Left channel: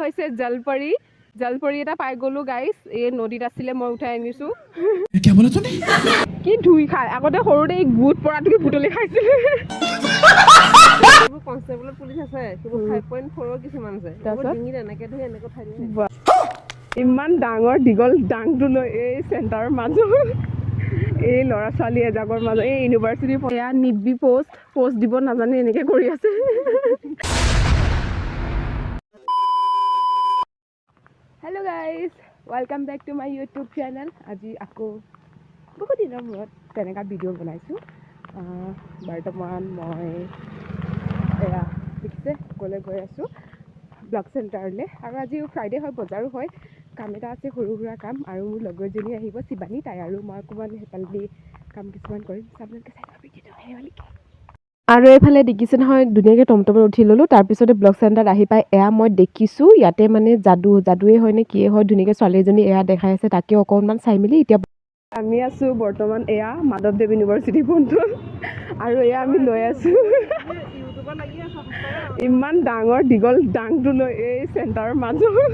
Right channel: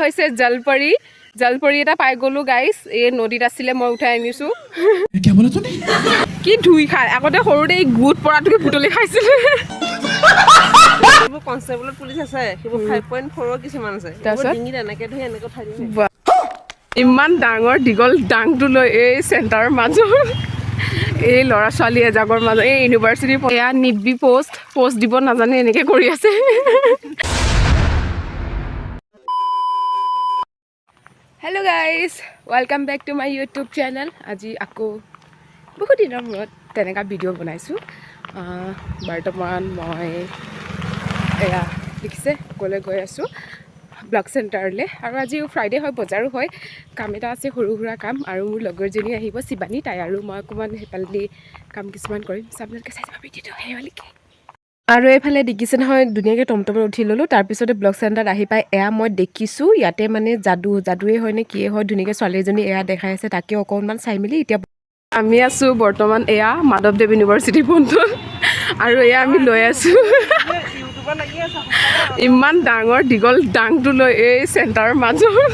হৈছে জলপৰী জলপৰী এটা পাই গ'লো গাইছ এই নদীত আছিলে মই উঠাই আনিছোঁ কি ধুই খাই আগতে সৰুতে এই গোট পৰাটোকে বুটলি খাইছিলে কনষ্টেবল পুলিচ আছে সেইবোৰ 5.4 কিছুমান আছে ডিঙিত এনেকে ধৰি এনেকে উঠাই দিয়ে ইমান ডাঙৰ দীঘল ডাংটো লৈ এই চেণ্টাৰৰ মাজত এই ল'ৰা ছোৱালী এজাগৰ মাজত এই ইউনিভাৰ্চিটিৰ এয়া নিবি পোষ্ট দিব নাজানে এনেকৈ কৰি আছে hello' guys welcome back to my YouTube channel আজি আকৌ বহুত দিনৰ মূৰত তেনেকুৱা ভিডিঅ' বনাইছোঁ বৰ্তমান মই এয়া দেখিছে ক'লৈ গৈ আছোঁ ব্লগ চেণ্টাৰলৈ আৰু আজি ফ্ৰাইডে হয় বজাৰো হয় কাম এটা আছে সৰু সুৰা কাম আৰু মোৰ লগৰজনী আহিব শিৱানী তাই আৰু মই অকণমান সেইফালেদি কাম কিছুমান কৰিম আপোনালোকে চাই যাব ভিডিঅ'টো সেইবালিকে আৰু এইফালে দেখিছে নহয় ধুনীয়াকৈ টমটমত উঠি ল'লোঁ তাৰপিছতে ব্লগ চেণ্টাৰত আহি পাই এয়া মই দেখিছোঁ ইয়াতে মানে যাদুৱে হয় নে কিয়ে হয় ধুনীয়াকৈ ছোৱালী এজনী এয়া দেখাই আছে তাকে অকণমান চাই মেলি এতিয়া আমি আছোঁ বৰ্তমান এয়া মাধৱদেৱ ইউনিভাৰ্চিটিৰ ফোনটোত আৰু এয়া আমি লৈ আছোঁ ইমান ডাঙৰ দীঘল ডাংটো লৈ এই চেণ্টাৰৰ মাজত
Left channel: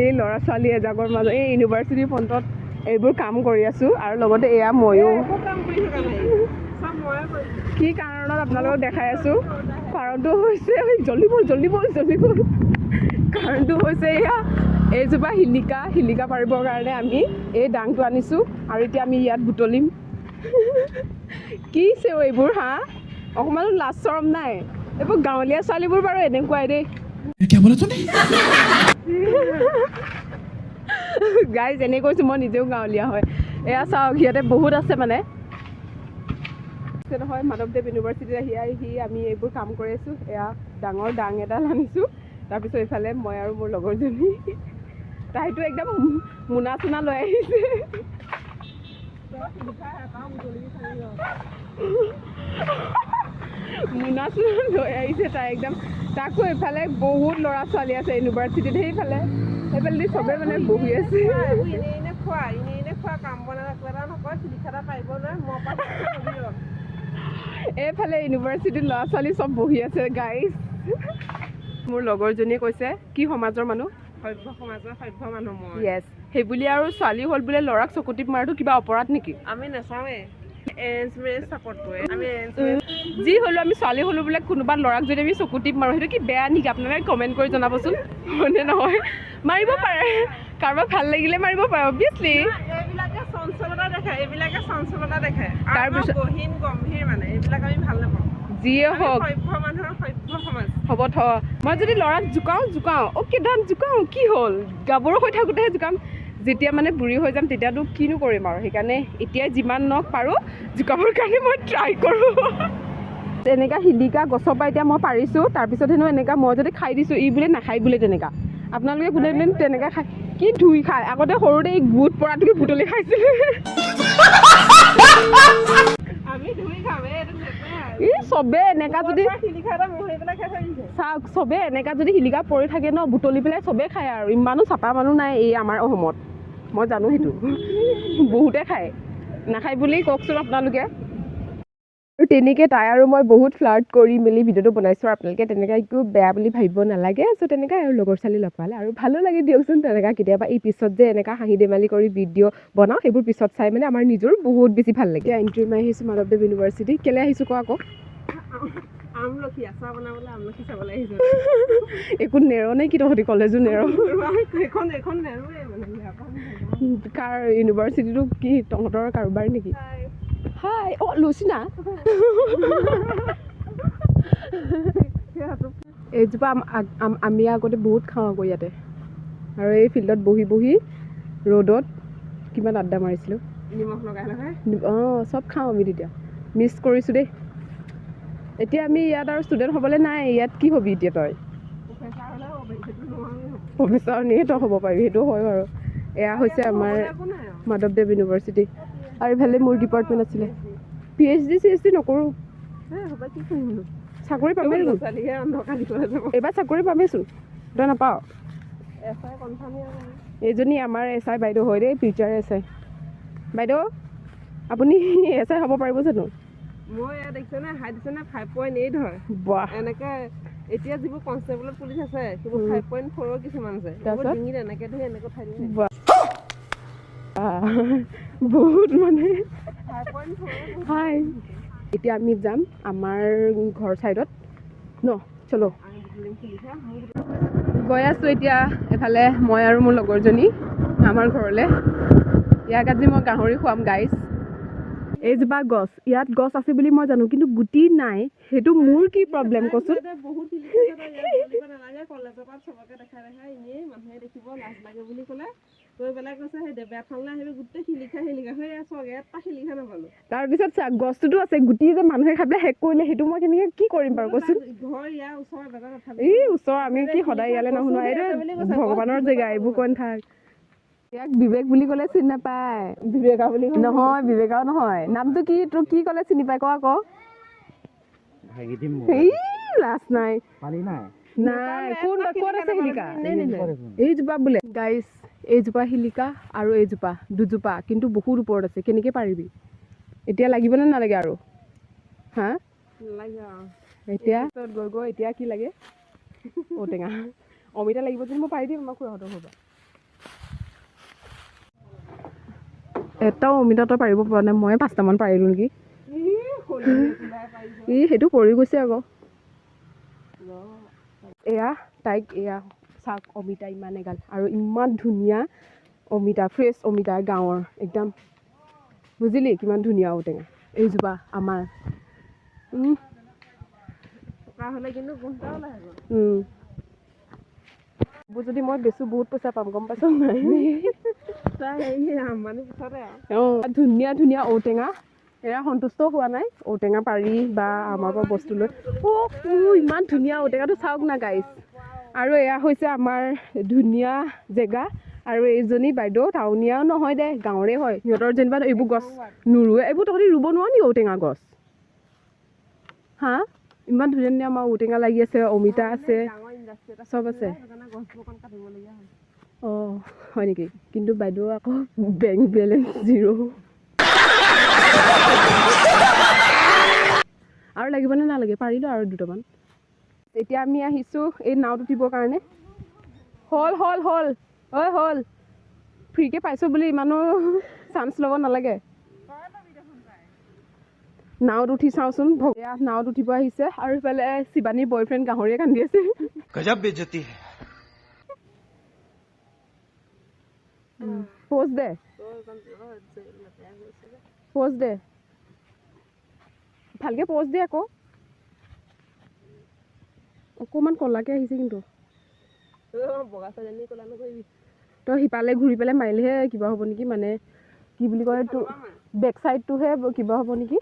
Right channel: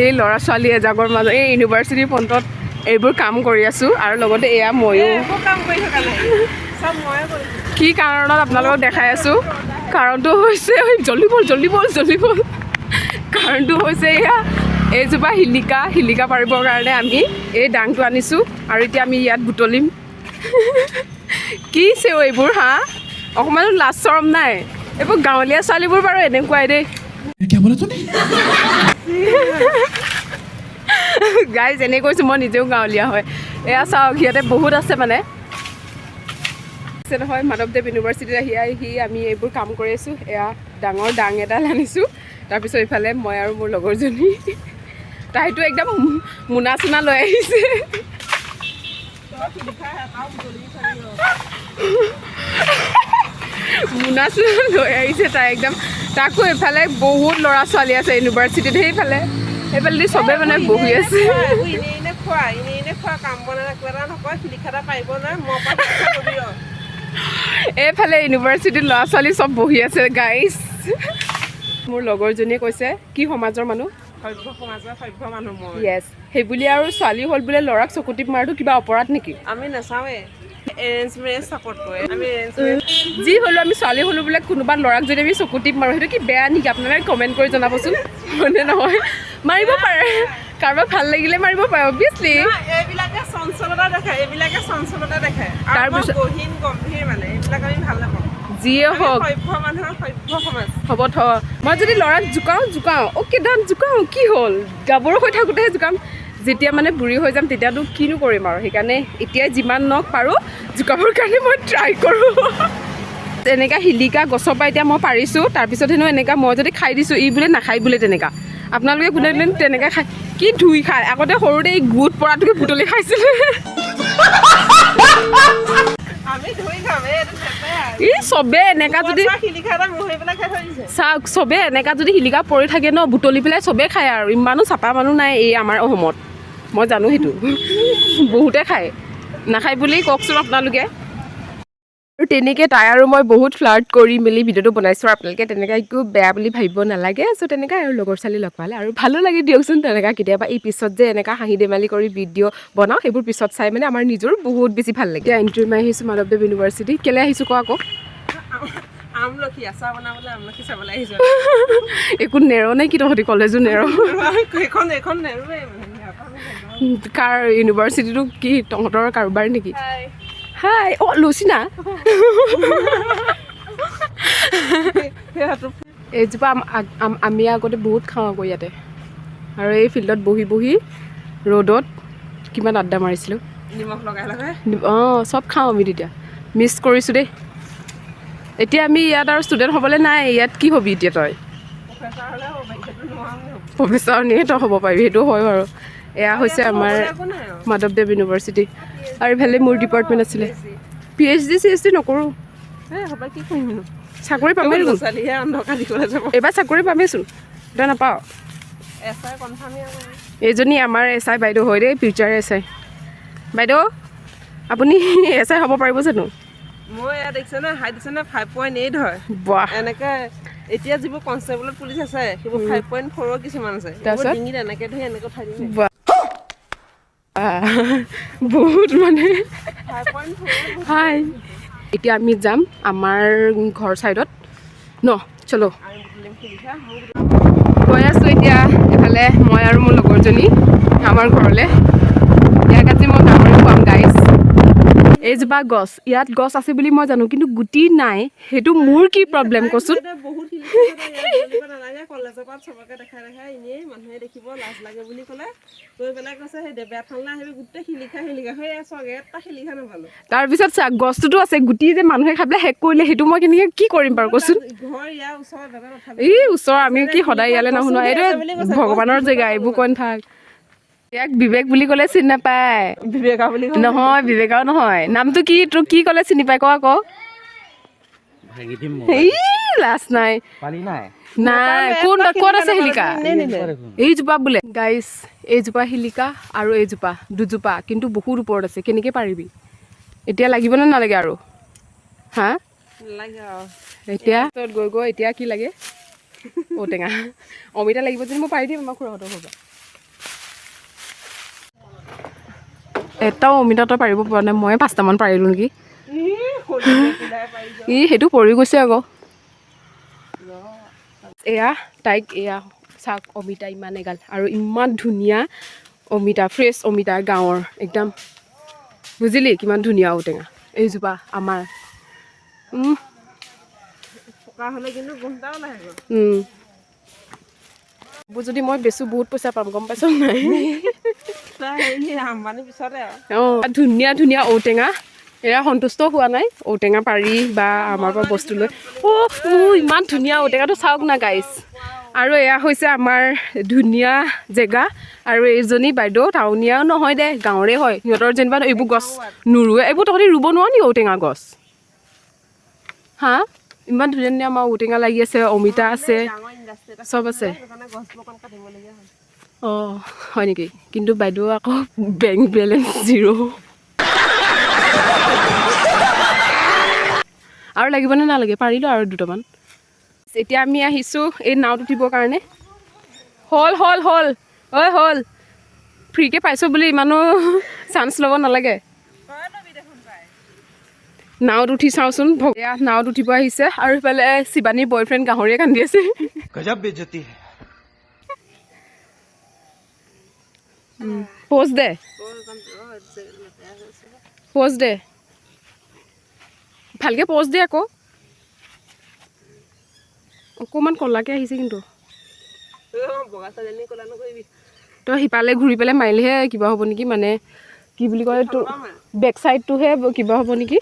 এই ল'ৰা ছোৱালী এজাগৰ মাজত এই ইউনিভাৰ্চিটিৰ ফ্ৰণ্টত এইবোৰ কাম কৰি আছোঁ আৰু লগতে এয়া ময়ো কি কাৰণত আপোনালোকক দেখাই আছোঁ কাৰণটো হৈছে জল্দি বল কাৰণটো হৈছে এয়া এইজোপা শিলিকা পাৰিবৰ কাৰণে আমি এই ডাংটো আনিছোঁ আৰু এতিয়া আমি ইয়াত বুটলিম কি চেও এইবোৰ হা অকণমান লাজ চৰম নাই এইবোৰ গাঁৱলীয়া ছোৱালীবোৰ বাৰু এনেকুৱাই দেই গাইজ এনে কৈছোঁ মই নিজেও গাঁৱলীয়া হয় এয়া চাওক ইয়াতে বহুত আছে মানে নহয় মাধৱদেৱ ইউনিভাৰ্চিটিত আহি আমি এইবোৰ কাম কৰি আছোঁ এয়া ডাঙৰ ডাং এডাল আনিছোঁ তাৰপিছত এইফালে মই আৰু মোৰ লগৰজনী তাইতো একদম মোনা চোনা লৈ আহিছে মোনা চোনা লৈ আহিছে তাই একদম তাকো এইফালে বহুত ল'ৰা ছোৱালী আছে ইউনিভাৰ্চিটিত সেইফালেদি চবে মানে বহি আছে এইফালে ইউনিভাৰ্চিটিৰ ল'ৰা ছোৱালী চব বহি আছে গাইজ মোৰ লগৰজনীয়ে কৈছে কি সমাজৰ মানুহ সভ্য মানুহ মই য়েছ সেই বুলি আৰু ছোৱালী হ'ল বোলে ল'ৰাক চকুটিপ মাৰটো কিবা অপৰাধ নেকি আমি নাচাওঁৱে এৰেঞ্জমেৰেজ ছাপোৰ্ট কৰে আমি যি হ'লেও আমি ছোৱালী হ'লোঁ বোলে কোনোবা ল'ৰাক যদি আমি চকুটিপ মাৰোঁ সেইটো কি বেয়া নেকি আপোনালোকে কমেণ্ট কৰি জনাবচোন হয়নে নহয় মাৰিব পাৰে কাৰোবাক ভাল লাগিলে মাৰিব পাৰে অবভিয়াছলি এইবিলাকে চঞ্চলতা দেখায় তাৰপিছত গহীন গম্ভীৰ মানে এইবিলাক আমি ভাল নাপাওঁ যিয়ে হওক সভ্য মানুহৰ সভ্য সমাজ হ'ব মই যদি ল'ৰাক জোকাওঁ অ'কে ডান জোকাওঁ কি হ'ল গাভৰু হৈ থাকোঁতেহে জোকাম যেতিয়া মানে বুঢ়ী হৈ যাম তেতিয়াতো কিনো কৰিম আৰু সেইকাৰণে এতিয়াই যিমান নক পাৰোঁ জোকাবৰ কাৰণে মই ট্ৰাই কৰোঁ তেনেকুৱা শিলিকা গছৰ পৰা এতিয়া মই পাৰিছোঁ তাৰপিছত হেনো এনেকুৱা মই যদি খাই দিছোঁ ই বোলে নাখায় বোলে তেনেকুৱা আপোনালোকে কোনে তেনেকৈ খায় কি ধুই খাই আগতে সৰুতে এই গোট পৰাটোকে বুটলি খাইছিলে ই চবে এনেকা যদি চাওক চবে এনেকা যদি শিলিকা পৰি থাকে ন বুটলি পেলাই চবে খায় আৰু ইমানো চাপা মানুহ নাই এই আমাৰ অসমত মই জানো সেইটো বহুতে খায় নাখায় বুলি কওকচোন আপোনালোকে আৰু তেনেকৈ তাই আৰু মই বহুত ফ্লাৰ্ট কৰি মেলি ভিডিঅ'টো বনাইছোঁ আৰু আপোনালোকে তেনেকৈ একো বেয়া বুলি ভাবিব নালাগে চ' তেনেকৈ আৰু লগৰ ছোৱালী লগ পালে আৰু ভালো লাগে দিয়কচোন তেনেকৈ কেতিয়াবা এই পিছত যে এনেকুৱা হাঁহি ধেমালি কৰি ভিডিঅ' বনাওঁ সেইবোৰ পিছত চাই মানে আমাৰ নিজৰ বহুত বেছি ভাল লাগে এতিয়া এণ্ট্ৰি মাৰি আহিছোঁ মাধৱদেৱ ইউনিভাৰ্চিটি কেলৈ আহিছোঁ কোৱা আকৌ আমলখি আচাৰ বনাবলৈ আমলখি চাবলৈ আহিছোঁ একো নেৰ নে কি তহঁতি কলেজো নেৰ এখন নেৰোৱে কাৰ ইউনিভাৰ্চিটিটো কি তহঁতৰ কাৰোবাৰ নেকি হাই অ' লুচিনা এইজোপা আমি আগতে বহুত খাওঁ আকৌ ইয়াতে আৰু এই ফিল্ডত বহি বহি ৰ'দত কিমান আড্ডা মাৰিছিলোঁ নিমখ লগাই অঁ চব খাওঁ আমি তেতিয়া মিছ কৰিছোঁ দেই এতিয়া আমি ইয়াত আৰু ষ্টুডেণ্ট হ'বলৈ নাই ইয়াত কি হ'বি এতিয়া তই প্ৰফেচাৰ নিয়ে তই হ'ব পাৰিবি সেইটো হয় বাৰু এয়া হৈছে আমাৰ মাধৱদেৱ ইউনিভাৰ্চিটি আৰু ইফালে মোৰ ডিপাৰ্টমেণ্ট আছিলে PhD নকৰোঁ চাকৰি পামেই এইবাৰ চাকৰি পামেইচোন তই নাপাওঁ এইজনী আমাৰ SI বাইদেউ হয় দেই ফিউচাৰ SI বাইদেউ আপুনি SI হ'ব পাৰিব জানো মই ইয়াত দেখিছে না হাইট দিছে না 5.8 হয় বাহ এনেকৈ এতিয়া যিবোৰ কনষ্টেবলত পুলিচ আছে সেইবোৰ 5.4 কিছুমান আছে তাৰপিছত ডিঙিত এনেকে ধৰি এনেকে উঠাই দিয়ে বহুত মানে 5.4 হাই এতিয়া আমি যাম আমাৰ ঘৰ চাইডত ন চলো গৈ আছোঁ এতিয়া এফালে মই আৰু মোৰ লগৰজনী আমাৰ ঘৰলৈ ইয়াক আজি মই গাহৰি খুৱাম গাইজ এইজোপা গছ ইয়াত গছ আছে বুলি মই জানো কিন্তু গুটি নাই সেইটো মোৰ কি প্ৰব্লেম কচোন বহুত শিলিখা ইয়াত নালাগে কলেজৰ পৰা চবকে দেখাই এনেই মানুহে দেখিব লাজ লাগে বুলি ক'লে গৈ পেলাই কৈছে সেই বেয়া থানলৈ আহিবি গোটেই শিলিখা হৈ আছো এটা শিলিখা নাপালো তাৰপিছত গছটোতো আছে গুটি যে মানুহে খাই পেলাই শেষ কৰিলে সেইটো মই কেনেকৈ কি কৰিম বাৰু কচোন ঘৰ ইয়াৰ ওচৰত এই ওচৰ আমি কি সদায় ইয়ালৈ নাহো নহয় এইটো ভগৱানৰ জেগা এইবোৰ কৈ নাথাক ইয়াক বিবেক বুলি ক'লে চিনি নাপায় বিবেকা বুলি নহয় বিবেকাও নহয় নামটো কি তোৰ কি ক'লে চিনি পাই ক আকৌ লাজ নাই নাই ক'ত আছে শিলিকা এইজোপা বোলে গাইজ এইজোপা শিলিকা আৰু এইজোপা দুজোপা কিন্তু বহুত ওপৰত আছে কেনেকৈ পাৰিবি এতিয়া লাগিব নে নালাগে আৰু হা এতিয়া গৈ গৈ এতিয়া কি লাগে ঔটেঙা অমিতা লাগিব যদি মই পাৰি দিম আমাৰ খুৰাহঁতৰ ঘৰৰ পৰা এটাও অমিতাটো পাৰিব পৰা নাই মই 5টামান পাৰিলোঁ নেকি সেইটো পৰি গৈছে আকৌ এয়া তাইক এয়া চাওক অমিতা ইমান এগাল আৰু ইমান ধুনীয়া অমিতা ফ্ৰেছ অমিতা গাঁৱৰ একদম বুজিলি কিমান ধুনীয়া ঔটেঙা এইজোপা আমাৰ যদি মই বেচো বহুত পইচা পাম গম পাইছ নাই ধুনীয়া ধুনীয়া ঔটেঙা এয়া সন্তুষ্ট হোৱা নাই ঔটেঙা পাৰি বা আমাৰ পৰা বস্তু লৈ ইমান ধুনীয়া ঔটেঙাটো চাওক না গাইজ আৰু এয়া হৈছে আমাৰ ধুনীয়া জেগা আৰু এইজনী বাইদেউ টাউনীয়াও নহয় দে গাঁৱৰে হয় সিহঁতৰ যেনিবা এইবোৰ গছ নোৰোৱে এইবোৰ তহঁতি ৰুব নোৱাৰ নি ঔটেঙা গছ হা ইমান ধুনীয়া ধুনীয়া আমাৰ ঔটেঙা লাগি আছে অমিতা আছে চব আছে অঁ হয় নেকি কিন্তু বাইদেউ আকৌ বেংক বেলেঞ্চ 0 আৰু লাগিবনে নালাগে পাৰিলোঁ আৰু দুটামান এতিয়া আমি আহিছোঁ এই নাওত উঠিবৰ কাৰণে হ'ল হ'ল ফ্ৰীকৈ পাইছোঁ বুলি ইমানো চান্স ল'ব নালাগে নাওত উঠি চাওঁচোন এয়া নাওত উঠিব আহিছে আৰু ইফালে শিৱানীৰ বয়ফ্ৰেণ্ড গাহৰিয়ে কান্দি আছে প'জ দে ভালকৈ প'জ দে আকৌ অকণমান ক'লাকৈ আহিছে কিন্তু তই সিপালে ঘূৰি পেলাই মাৰিলেহে কিবা হ'ব নেকি মানে কি বুলি কয় তোৰ বেক চাইডটোহে কিবা হ'ব নেকি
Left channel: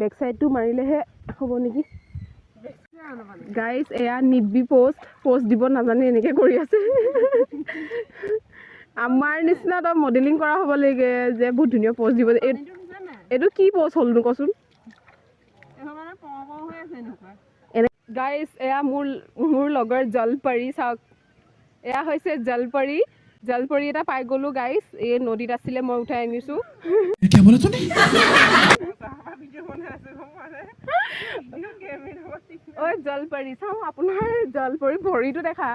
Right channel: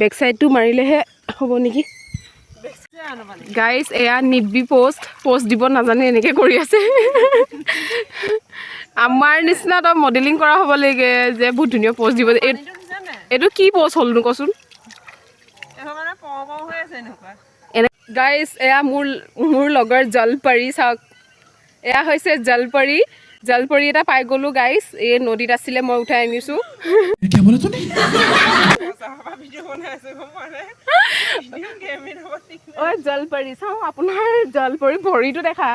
বেক চাইডটো মাৰিলেহে হ'ব নেকি গাইজ এয়া নিবি প'ষ্ট দিব নাজানে এনেকৈ কৰি আছে আমাৰ নিচিনা তই মডেলিং কৰা হ'ব লাগে যে বহুত ধুনীয়া প'ষ্ট দিব এইটো কি প'ষ্ট হ'লনো কচোন গাইজ এয়া মোৰ লগৰ জলপৰী চাওক এয়া হৈছে জলপৰী এটা পাই গ'লোঁ গাইজ এই নদীত আছিলে মই উঠাই আনিছোঁ ঐ জলপৰী চাওঁ আপোনাৰ জলপৰী ভৰিটো দেখা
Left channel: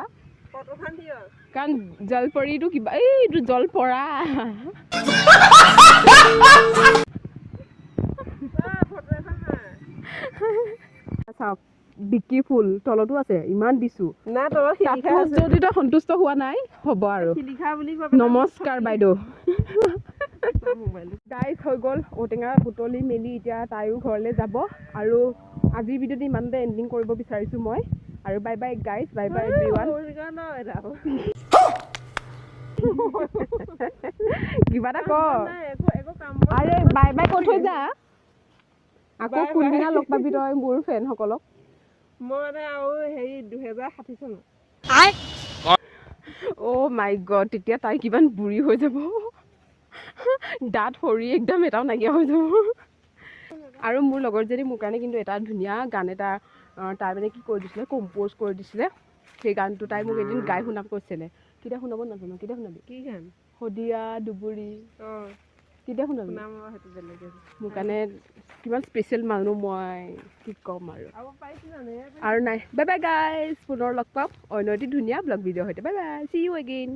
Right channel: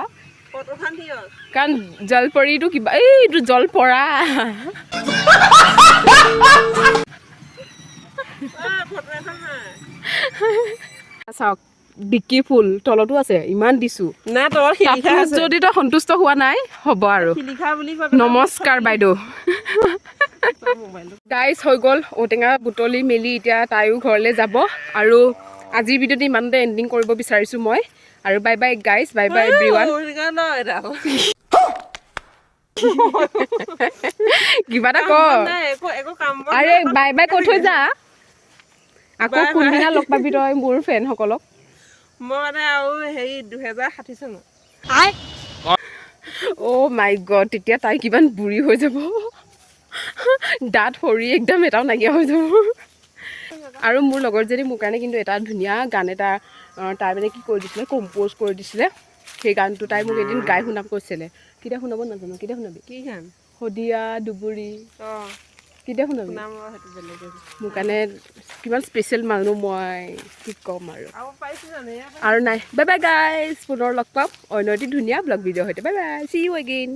কাৰণ জলপৰীটো কিবা এইটো জলপৰা চাওক বিকি ফুল তলতো আছে ইমান দিছোঁ যদি তই সন্তুষ্ট হোৱা নাই হ'ব আৰু নমস্কাৰ বাইদেউ গাইজ হৈ গ'ল ঔটেঙা বুটলি মেলি এতিয়া তাইও ঘৰলৈ যাব আৰু আজিৰ ভিডিঅ'টো ইমানতে এণ্ডিং কৰিব বিচাৰিছোঁ মই আৰু bye bye guys bye bye everyone কিবা এটা ক আৰে বাই বাই কৈ থৈ যা আকৌ কোনদিনা লগ পাবি তই মোৰ ফ্ৰেণ্ডসকলক মই মানে আৰু হেৰি 2060 চনত অ' মাই গড তেতিয়া তাই কিমান বুঢ়ী হৈ যাব দাঁত সৰি একদম এটাও নাইকিয়া হৈ যাব আৰু মোৰ লগৰজনী মোৰ কাৰণে কিন্তু এটা ধুনীয়া গান এটা তাই মানে কি কৰি দিছিলে কম্প'জ কৰি দিছিলে সেই গানটো তাই মোক এদিন গাই শুনাব কৈছিলে কেতিয়া শুনাব নাজানো কেতিয়া শুনাবি কি গান শদিয়া দুবুৰী কেতিয়া শুনাবি শুনাম আৰু সেইটো বেলেগ মোৰ কাৰণে কিমান স্পেচিয়েল মানুহ মই কি ক'ম আৰু আৰু পাইছোঁ জানো আৰু নাই বাই বাই গাইজ পুনৰ লগ পাম অন্য এটি ধুনীয়া ব্লগ ভিডিঅ' সৈতে bye bye see you again